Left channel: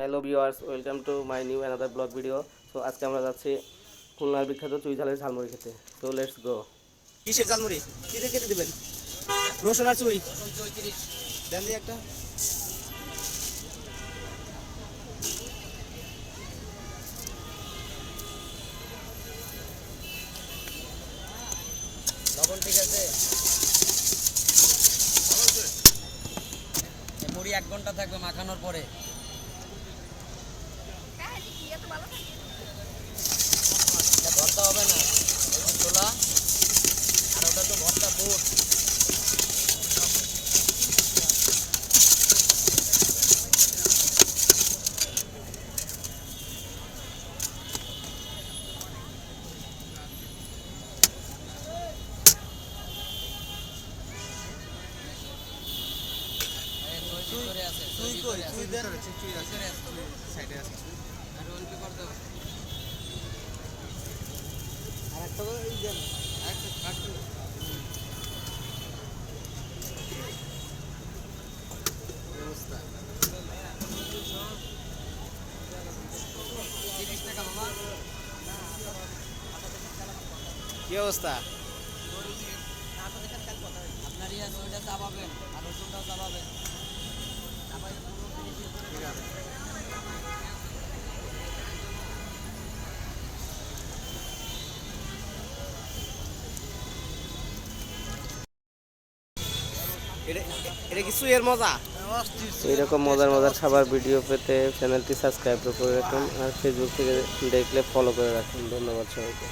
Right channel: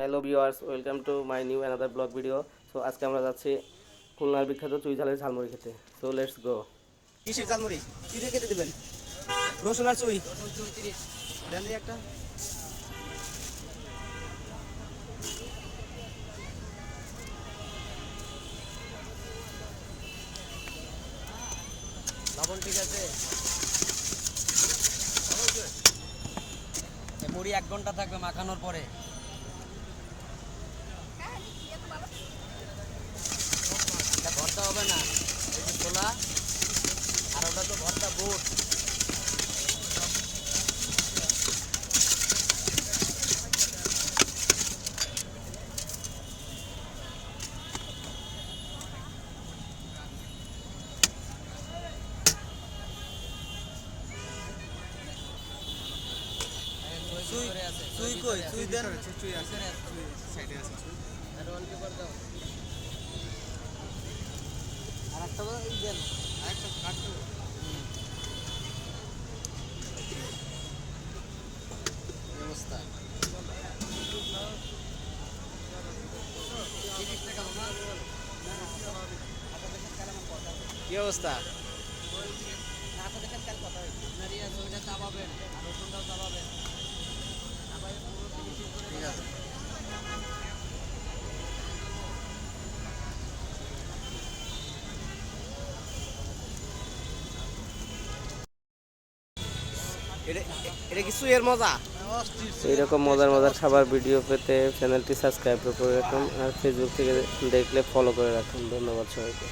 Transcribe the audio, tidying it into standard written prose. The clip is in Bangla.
Hello viewers, welcome to my new another blog video. So আজকে আমরা যাচ্ছি খুলনার বিখ্যাত চুই ঝালের ঝালমুড়ি খেতে। So let's go. কিসের ঝালমুড়ি? কি দিয়ে খেতে দিবেন? রসুন আর চুই দেন দিয়ে একটা। লবণ ঠিক আছে? মুড়ি 1 ঘন্টা থাকবে মাখানোর পরে। ভর্তা হবে না, এই যে ছোলা আর ওটা তো ভর্তা বুট। চুই কই? চুই দেন। চুই আছে সাইডে আছে। আর অন কি করতে হবে? আর একটা এই দেন। আর একটা কাটতে ব্যবস্থা। কি অবস্থা? আপনার ইয়া ওইটা চাপাবেন আর রসুনটাও চাপাবেন। ঠিক আছে। এটা এটা কি সুয়ের মজা? এইরকম মজার মজার খাবার ভিডিও পেতে চ্যানেলটি সাবস্ক্রাইব করে রাখুন, আর ফেসবুক থেকে দেখলে ফলো করে রাখুন। ধন্যবাদ সবাইকে।